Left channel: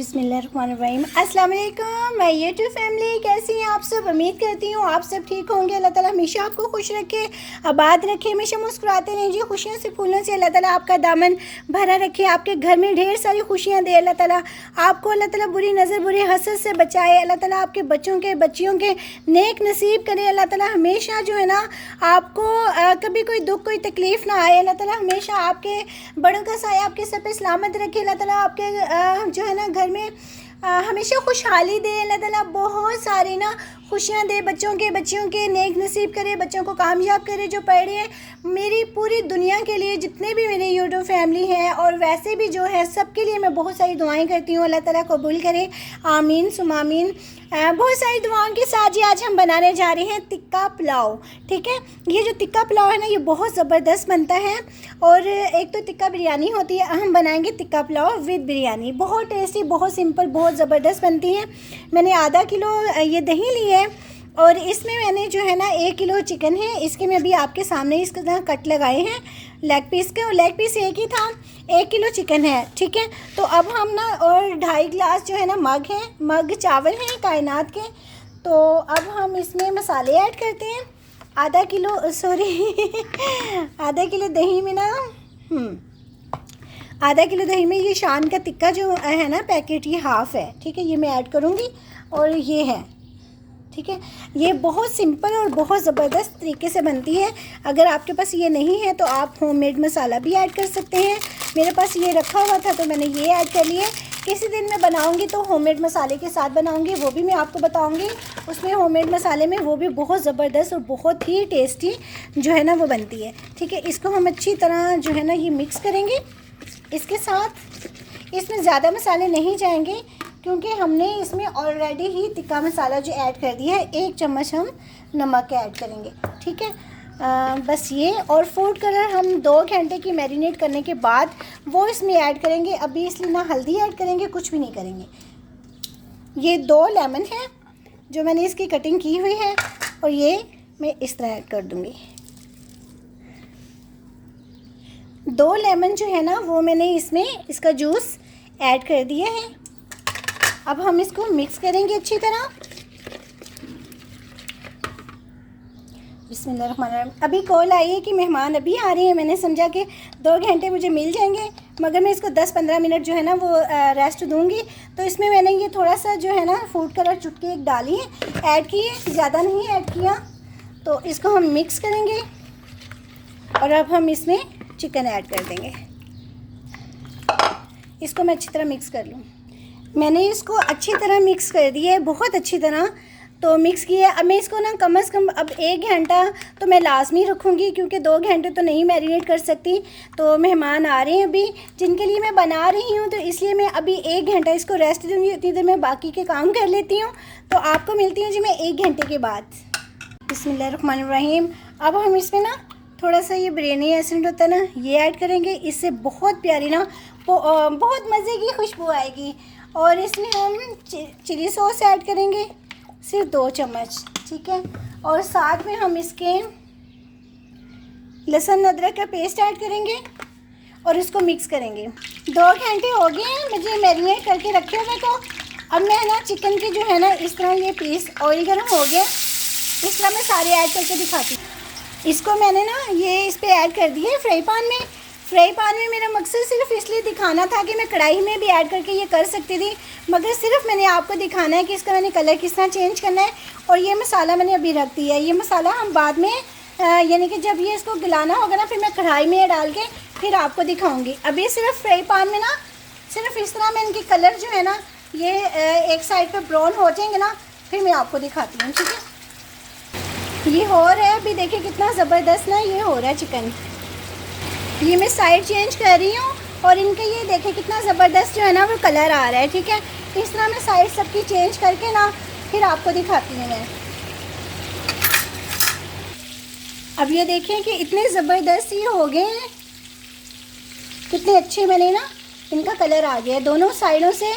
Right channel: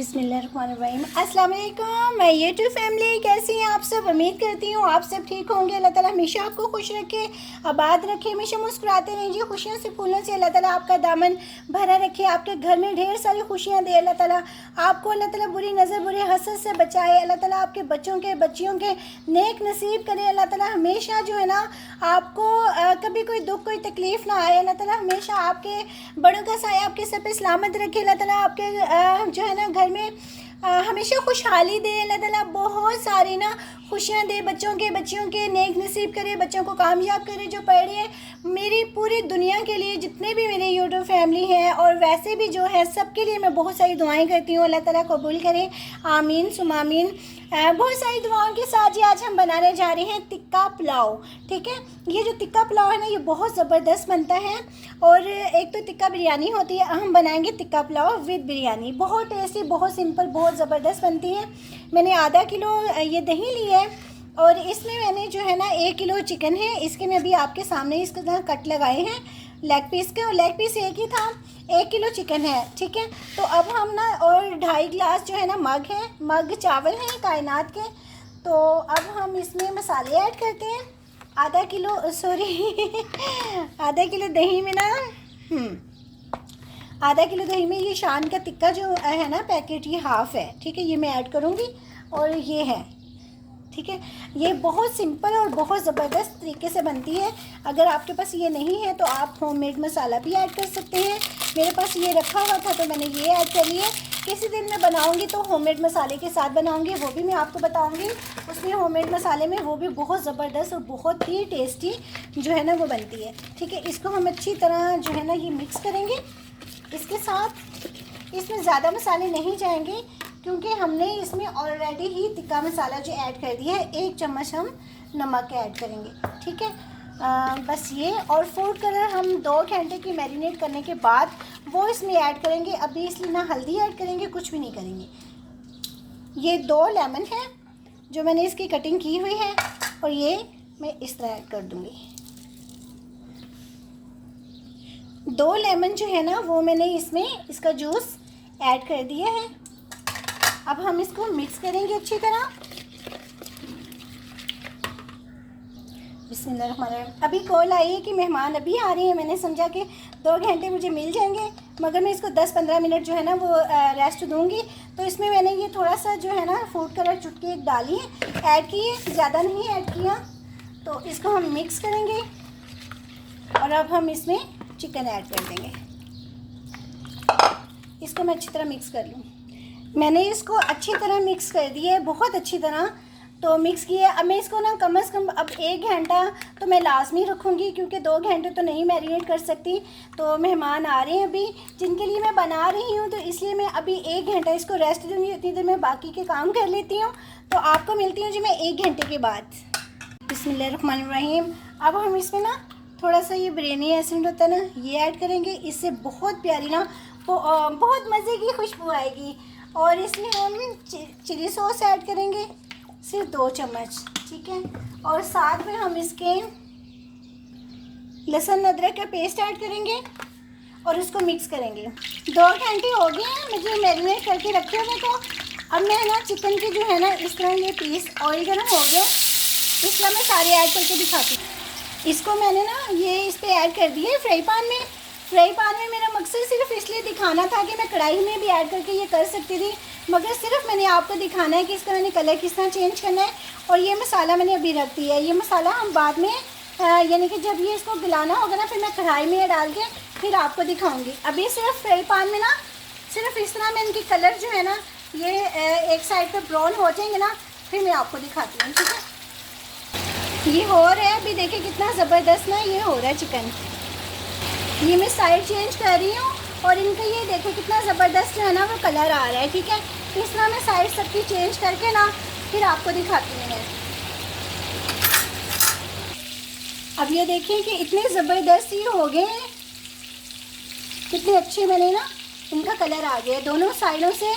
बिस्मिल्लाहिर्रहमानिर्रहीम। अस्सलाम वालेकुम माय यूट्यूब फैमिली, कैसी हैं आप सब। उम्मीद करती हूँ आप सब ठीक होंगे। अल्लाह ताला हमेशा आपको खुश रखे, आबाद रखे, हमेशा मुस्कुराते रहिए। खुशियों से फूलों से अल्लाह ताला आपका दामन भरा रखे, आपके घर में ढेर सारी खुशियाँ दे। अल्लाह ताला आपको अल्लाह ताला बुरी नज़र बुरी हसद से बचाए। अल्लाह ताला आपके बच्चों के बच्चियों के नेक नसीब करे। अल्लाह ताला हमेशा जो है ना आपको कभी कोई दुख कोई तकलीफ़ ना आए। अल्लाह ताला हमेशा आपके बड़ों का साया आपके सर पे सलामत रखे। अल्लाह ताला आपके जो है ना घर में हमेशा खुशहाली दे। अल्लाह ताला बहुत सारी ना खुशियाँ दे, बच्चों के बच्चियों के नेक नसीब करे, बच्चों को कामयाब करे जो पढ़ रहे हैं। मेरी पूरी दुनिया के लिए जितने भी मेरे यूट्यूब फैमिली हैं और वैसे भी जो है सबके लिए मैं बहुत सारी दुआएं करती हूँ। अल्लाह ताला कबूल करे, आमीन सुम आमीन। बहुत सारी दुआओं के साथ ही आज हम बनाने जा रहे हैं टिक्का पुलाव। ठीक है, ये जो टिक्का पुलाव है ना ये बहुत ज़बरदस्त बनता है। और एक तो टिक्का बिरयानी होती है, हम बनाएंगे टिक्का पुलाव विद बिरयानी। बहुत टेस्टी, बहुत सिंपल, बहुत ज़बरदस्त बनती है। मैंने आधा किलो ये दही ली है और इसमें मैंने जो है ना 1 किलो चिकन है, इसके मैं अभी आपके सामने इसके तरह कट लगाए हैं लेग पीस के, और लेग पीस एक ही था। 1 किलो चिकन है। ठीक है, तो अब हम ना और 2.5 गिलास जो है ना मग चावल हैं कायनात के। तो अब हम इसमें मसाले ऐड करते हैं। आधा किलो आधा किलो दही में ना आधा किलो दही में ये शान का टिक्का जो है ना पैकेट, ये हाफ़ है। ठीक है, ये मैं ऐड करूँगी और ये है। ठीक है, ये बहुत सिंपल और बहुत ज़बरदस्त तरीके से बनती है। अगर आपके पास ये नहीं है तो आप होममेड मसाला भी ऐड कर सकते हैं। मेरे पास ये रखा हुआ था तो मैंने ये ऐड कर लिया। किसी दिन मैं बनाऊंगी तो होममेड मसाले के साथ बनाऊंगी, वो भी मैं आपको बताऊंगी। उसमें होममेड मसाले में वो भी बहुत ज़बरदस्त और बहुत ही टेस्टी जो है ना वो बनती है। ठीक है, इसको हम अच्छी तरह जो है ना ये मिक्स करेंगे। इसके साथ इसमें ज़्यादा मसाले नहीं जाएंगे क्योंकि हमने इसमें ऑलरेडी ही टिक्का मसाला जो ऐड कर दिया है। 1 चम्मच हम नमक ऐड करेंगे। ठीक है, बस ये। और फूड कलर हम 2 घंटे की मैरिनेट करने के बाद वो इसमें ऐड करेंगे। अभी इसलिए ना हल्दी ऐड करेंगे, कुछ भी नहीं करेंगे। ये 2 लेमन है जो मैंने इसकी कटिंग की हुई है और ये मैं इस तरह ऐड कर दूँगी। 2 लेमन जो है ना वो मैंने इसमें इसका जूस ऐड कर दिया है। अब हम इसको मिक्स करेंगे अच्छी तरह। बिस्मिल्लाहिर्रहमानिर्रहीम। अभी कॉल आई है कि मेहमान अभी आ रहे हैं। मैंने समझा कि 2 घंटे मुझे मिल जाएंगे, मगर मैं इसको 10-15 मिनट जो है ना वो रेस्ट दूंगी। तो इसमें मैंने ये थोड़ा सा जो है ना फूड कलर चुटकी एक डाली है, ऐड की है, ज़्यादा नहीं ऐड किया। तो इसको हम मिक्स करेंगे और अब हम इसमें चिकन ऐड कर देंगे। इसको मैं अच्छी तरह मिक्स कर लूँ। मैंने इसको अच्छी तरह मिक्स कर दिया है, बहुत अच्छी तरह तो मिक्स किया है। अब मैं इसको ना कम से कम अब 1 घंटा तो मैं लाजमी रखूँगी क्योंकि 2 घंटे तो नहीं मैरिनेट कर सकती। तो मेहमान आ रहे हैं अभी जिनके लिए मैं बना रही हूँ, तो इसलिए मैं अभी 1 घंटा इसको रेस्ट दूँगी। उतनी देर मैं बाकी के काम कर लेती हूँ। तो आपको मिलती हूँ जी मैं 1 घंटे के बाद। बिस्मिल्लाहिर्रहमानिर्रहीम। अब हम इसमें ना थोड़ा सा ये बिरयानी एसेंस होता है ना ये ऐड करेंगे। इससे बहुत प्यारी ना बहुत मज़े की खुशबू आएगी। और इसमें हम चिली सॉस ऐड करेंगे, सिर्फ 2 चम्मच। ठीक है, और साथ में हम इसके लहसुन अदरक का पेस्ट ऐड करेंगे और इसको मिक्स करेंगे। 2 घंटे हो गए हैं मुझे मैरिनेट करके रखे हुए। तो अब मैं ना चिकन की जो है ना इस तरह ये पीस ऑयल गर्म हो गया, इस तरह मैं सारे ऐड करके दिखाती हूँ। इसको मैंने ना ये इस पर ऐड कर दिए फ्राई पैन में। मेरा मकसद सिर्फ इसलिए दिखाना था कि मैं कढ़ाई में भी ऐड करके ये कर सकती थी, मगर सिर्फ मैंने आपको दिखाना है कि इसका मैंने कलर किस तरह चेंज करना है। और ये मसाला मैंने अभी रख दिया है। ये मसाला हम बाद में यानी कि जब ये इसको गलाना होगा ना फिर मैं कढ़ाई में डाल के फिर आपको दिखाऊँगी। अभी सिर्फ फ्राई पैन में ना सिर्फ इस तरह मैं इनकी कलर जो है ना ये एक साइड पर ब्राउन हो जाएंगे ना फिर मैं आपको दिखाती हूँ। ठीक है, ये हो रहा है अभी, देखिए कितना ज़बरदस्त ना ये हो रहा है चिकन। ये मैं साइड चेंज कर रही हूँ और इनका ये देखें कितना ज़बरदस्त जो है ना वो कलर आ रहा है। ठीक है, इस तरह मैं साइड सबकी चेंज करके ना फिर आपको दिखाती हूँ मैं। अब ये देखें कि इतने ज़बरदस्त ये हो गए हैं, कितने अच्छे बने ना, इनका कलर आ गया दोनों साइडों से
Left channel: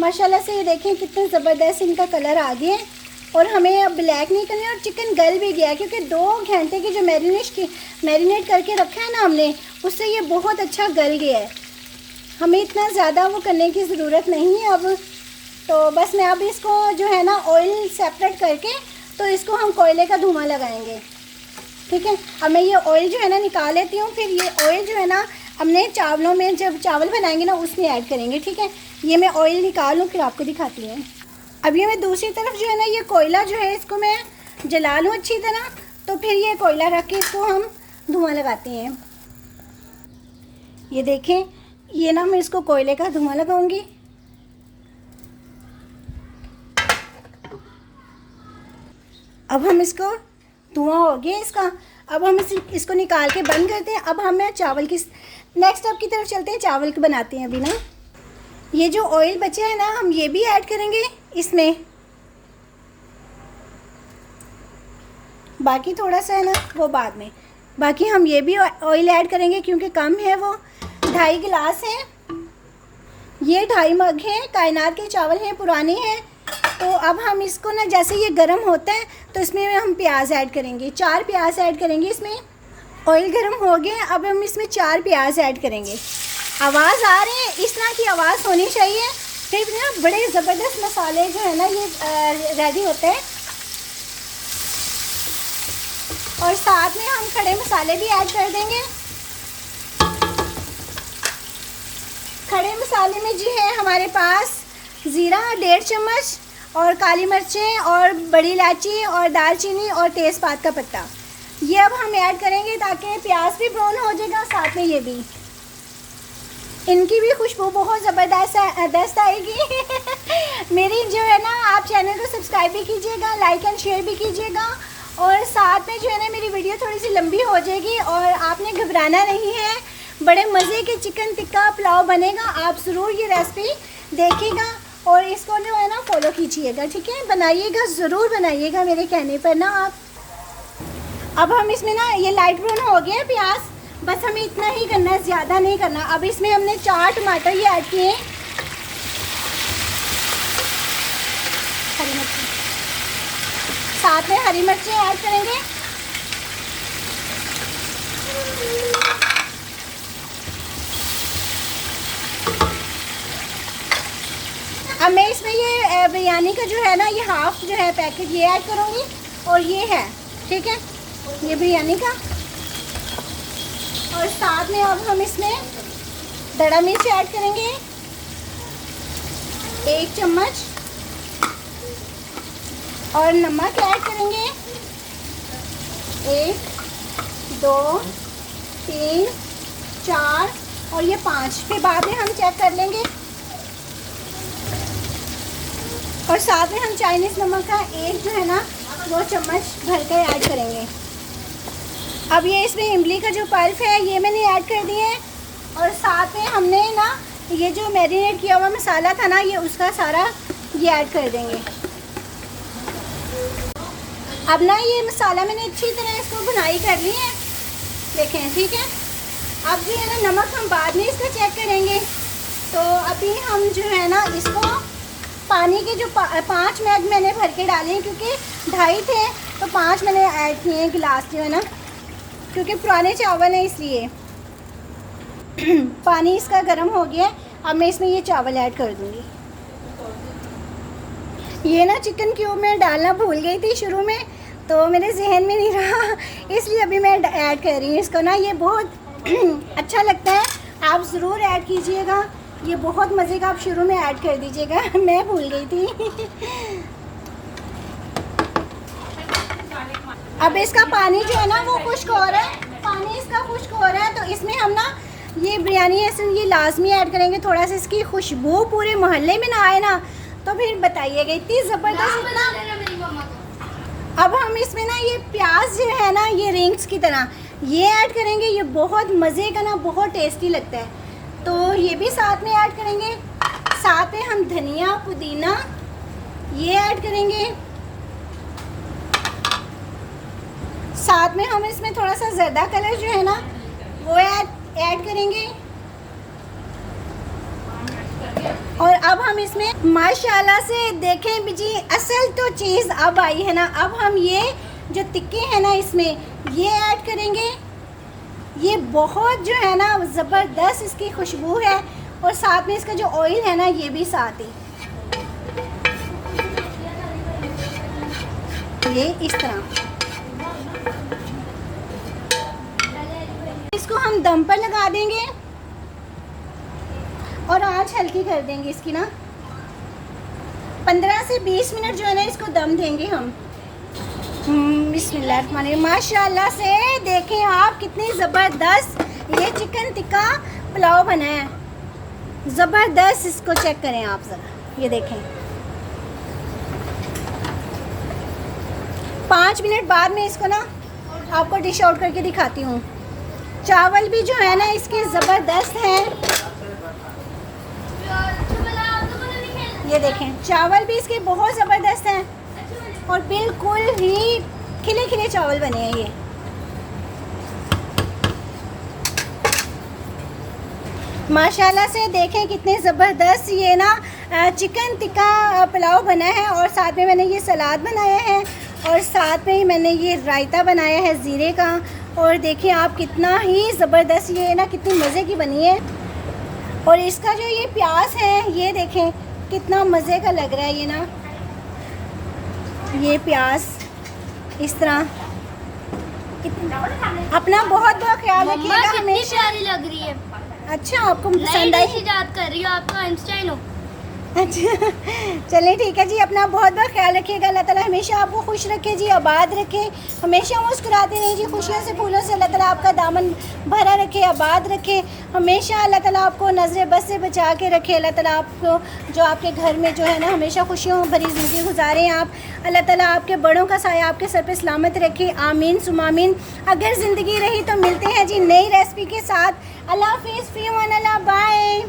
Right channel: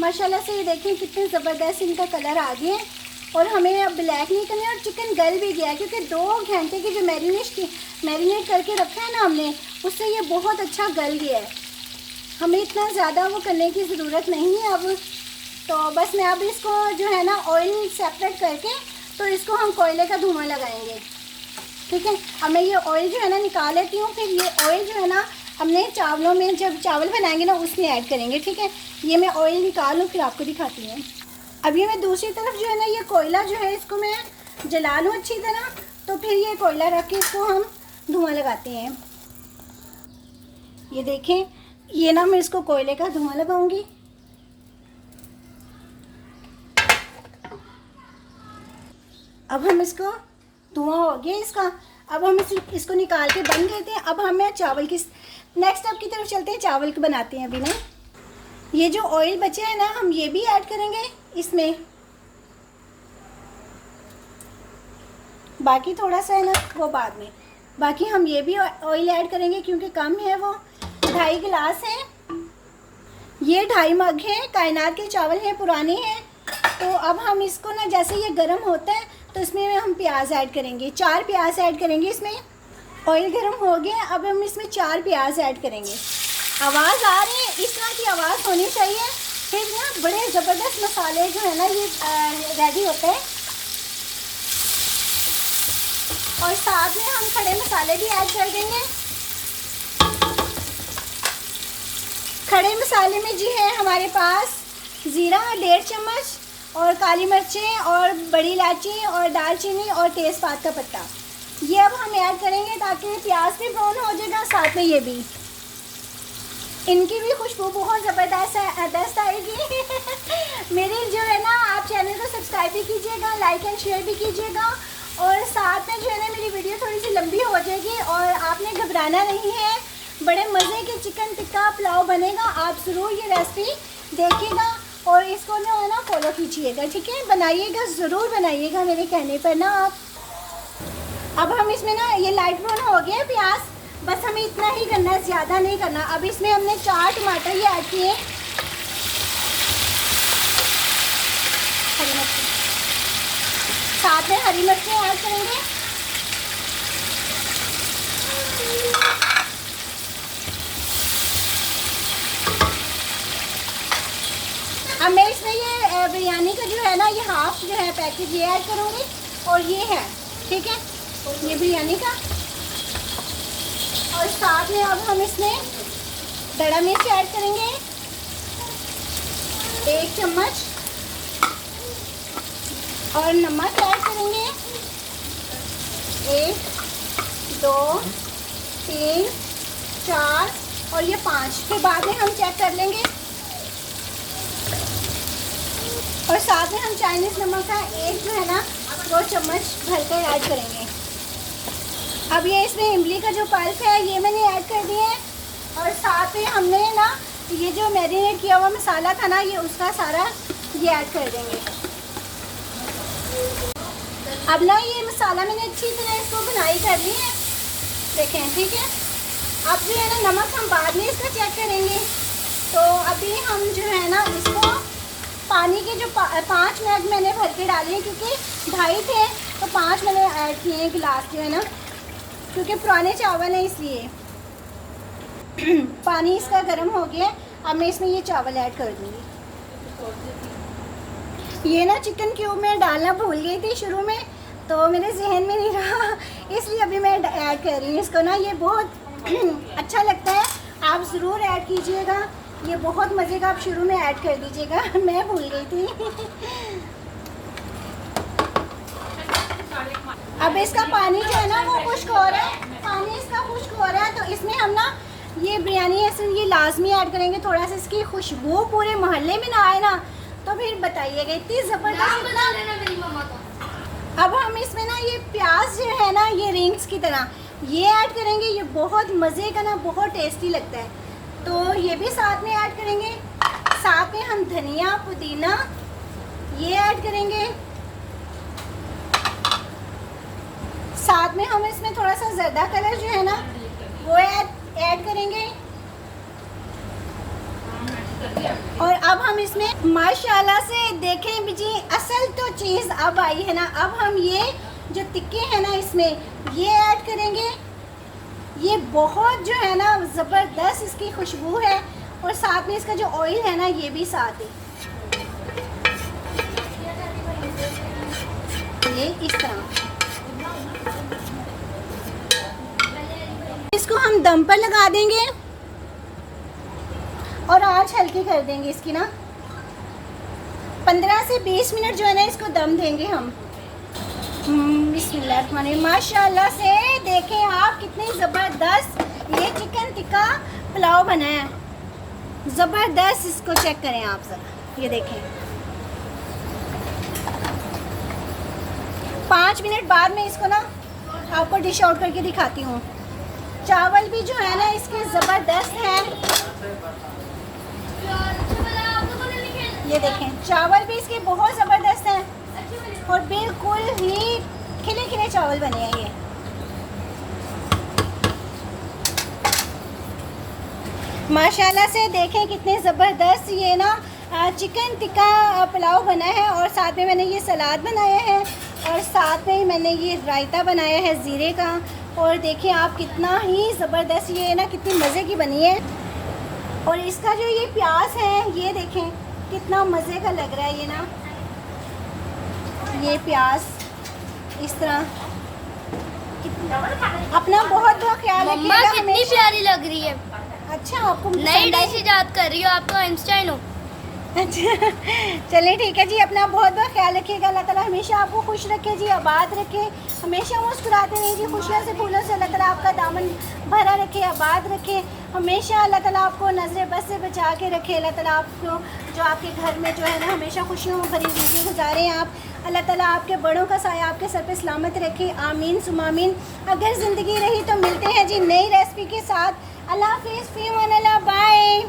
माशाल्लाह से। ये देखें कितने ज़बरदस्त इनका कलर आ गया है। और हमें अब ब्लैक नहीं करना है और चिकन गल भी गया क्योंकि 2 घंटे की जो मैरिनेट करके रखा है ना हमने, उससे ये बहुत अच्छा गल गया है। हमें इतना ज़्यादा वो करने की ज़रूरत नहीं है अब। तो बस मैं अब इसको जो है ना ऑयल सेपरेट करके तो इसको हम कोयले का धुआं लगाएंगे, ठीक है। अब मैं ये ऑयल जो है ना निकाल लेती हूँ, फिर ये ऑयल जो है ना हमने चावलों में जब चावल बनाएंगे ना उसमें ऐड करेंगे, ठीक है। ये मैं ऑयल निकालूँ फिर आपको दिखाती हूँ। अब ये मैं दूसरी तरफ जो है ना ये कोयला जो है इसको मैं जला लूँ अच्छी तरह, तो फिर ये कोयला रख के इसको हम धुआं लगाते हैं। ये देखें, ये ना मैं इसको कोयले का धुआं लगाऊंगी। अब हम इसको धुआं हो गया इसका, अब हम इसको निकाल के बंद करते हैं। अब हम चावल की नेक्स्ट स्टेप की तरफ चलते हैं, चावल को बनाते हैं। अभी ना ये जो ऑयल बचा है ना हम ये भी ऐड करेंगे इसमें, बाकी थोड़ा सा है ना वो बाद में। बाकी हम ये भी ऑयल ऐड करेंगे क्योंकि कम है, वो 2.5 गिलास है, ये 2.5 मग है, कायनात के चावल हैं, पुराने हैं। तो अब हम इसको ना जैसे ये गर्म होता है तो इसमें हम प्याज ऐड करेंगे, 4 प्याज ऐड करेंगे इसमें। ऑयल गर्म हो गया, अब हम इसमें 4 प्याज ऐड करेंगे। आवाज़ आ रही है, इस तरह की आवाज़ होनी चाहिए, फिर ना बड़े ज़बरदस्त मसाले जो है ना ये रेडी होते हैं। और साथ में हम खड़े मसाले भी ऐड कर देंगे। खड़े मसाले में जी है हमारे पास ज़ीरा 1.5 चम्मच और काली मिर्चें और बड़ी इलायची और दालचीनी और तेज़पात का पत्ता, ये अब हम ऐड करेंगे ताकि प्याज भी ब्राउन हो जाएगा, साथ में ये भी, इनकी भी खुशबू बहुत ज़बरदस्त आएगी। मेरी जो है ना आप चैनल को सब्सक्राइब भी कीजिएगा, लाइक एंड शेयर भी कीजिएगा, और साथ में जो है ना मेरी वीडियो थोड़ी सी लंबी हो जाएगी और आपने घबराना नहीं है। बड़े मज़े के चिकन टिक्का पुलाव बनेगा, आप ज़रूर ये रेसिपी देखिएगा और इसको जो है ना फॉलो कीजिएगा, ठीक है। बनाइएगा, ज़रूर बनाइएगा मेरे कहने पर ना आप। अब हम इसमें ना ये लाइट ब्राउन हो गया प्याज, बस हमें इतना ही करना है, ज़्यादा नहीं करना। अब इसमें हमने 4 टमाटर ये ऐड किए, हरी मिर्ची, साथ में हरी मिर्चें ऐड करेंगे। अब मैं इसमें ये बिरयानी का जो है ना ये हाफ जो है पैकेट ये ऐड करूँगी, और ये है, ठीक है, ये बिरयानी का। और साथ में अब हम इसमें दड़ा मिर्च ऐड करेंगे 1 चम्मच, और नमक ऐड करेंगे 1 2 3 4 और ये 5, फिर बाद में हम चेक कर लेंगे। और साथ में हम चाइनीज़ नमक का 1 जो है ना वो चम्मच भर के ऐड करेंगे। अब ये इसमें इमली का जो पल्प है ये मैंने ऐड कर दिए हैं, और साथ में हमने ना ये जो मैरिनेट किया हुआ मसाला था ना ये उसका सारा ये ऐड कर देंगे। अब ना ये मसाला मैंने अच्छी तरह इसको बुनाई कर ली है, देखें, ठीक है। अब जो है ना नमक हम बाद में इसका चेक करेंगे। तो अभी हम जो है ना इसको पानी के जो 5 मग मैंने भर के डाले हैं, क्योंकि 2.5 थे तो 5 मैंने ऐड किए हैं गिलास जो है ना, क्योंकि पुराने चावल हैं इसलिए। पानी इसका गर्म हो गया है, अब मैं इसमें ये चावल ऐड कर दूँगी। ये ना चिकन क्यूब मैं डालना भूल गई थी शुरू में, तो मेरे जहन में नहीं रहा, इसलिए अभी मैं ऐड कर रही हूँ इसको ना। ये बहुत अच्छा लगता है, आप ज़रूर ऐड कीजिएगा, ये बहुत मज़े का, आप शुरू में ऐड कर दीजिएगा, मैं भूल गई थी। अब इसका पानी जो है ना वो खुश्क हो रहा है, पानी इसका खुश्क हो रहा है, तो इसमें हम ना ये बिरयानी ऐसे ये लाजमी ऐड करेंगे। थोड़ा सा इसकी खुशबू पूरे मोहल्ले में ना आए ना तो फिर बताइएगा, इतनी ज़बरदस्त। अब हम इसमें ना ये प्याज जो है ना ये रिंग्स की तरह ये ऐड करेंगे, ये बहुत मज़े का ना बहुत टेस्टी लगता है, तो ये भी साथ में ऐड करेंगे। साथ में हम धनिया पुदीना ये ऐड करेंगे, साथ में हम इसमें थोड़ा सा ज़र्दा कलर जो है ना वो ऐड करेंगे। और अब हम इसमें माशाल्लाह से देखें जी, असल तो चीज़ अब आई है ना। अब हम ये जो टिक्के हैं ना इसमें ये ऐड करेंगे, ये बहुत जो है ना ज़बरदस्त इसकी खुशबू है, और साथ में इसका जो ऑयल है ना ये भी साथ ही, ये इस तरह। इसको हम दम पर लगा देंगे और आंच हल्की कर देंगे इसकी ना। 15 से 20 मिनट जो है ना इसको दम देंगे हम। बिस्मिल्लाह, माशाल्लाह से देखें आप कितनी ज़बरदस्त ये चिकन टिक्का पुलाव बना है, ज़बरदस्त। इसको चेक करें आप ज़रा, ये देखें। 5 मिनट बाद में इसको ना आपको डिश आउट करके दिखाती हूँ। चावल भी जो है ना इसके ज़बरदस्त हैं, ये देखें। चावल भी इसके बहुत ज़बरदस्त हैं और बिल्कुल ही खिले खिले चावल बने हैं ये। माशाल्लाह से देखें कितने ज़बरदस्त ये ना चिकन टिक्का पुलाव बना है। और साथ में मैंने ये सलाद बनाया है और साथ में ही मैंने ये रायता बनाया है ज़ीरे का। और देखिए आप कितना ही ज़बरदस्त ये ना कितनी मज़े की बनी है। और इसका जो ये प्याज है ये देखें कितना मज़े का लग रहा है ये ना, ये प्याज इस तरह। अपना बहुत बहुत ख्याल रखिएगा। कितनी प्यारी लग रही है। अच्छा, आपको नई डिश याद कर रही हो, आपको आइंस्टाइन हो। अच्छा चलिए ठीक है जी, अपना बहुत बहुत ख्याल रखिएगा। अल्लाह ताला हमेशा आपको खुश रखे जी, आबाद रखे, हमेशा मुस्कुराते रहें जी। खुशियों से फूलों से अल्लाह ताला आपका दामन भरा रखे, आबाद रखे। हमेशा अल्लाह ताला आपको नज़र बस से बचा के रखे। अल्लाह ताला आपको जो आपके घर में जो है ना हमेशा खुशियों भरी ज़िंदगी गुजारें आप। अल्लाह ताला आपके बड़ों का साया आपके सर पे सलामत रखे, आमीन सुमामीन। अगर ज़िंदगी रही तो मिलते हैं जी नई रेसिपी के साथ। अल्लाह हाफिज़, फ़ी अमान अल्लाह, बाय।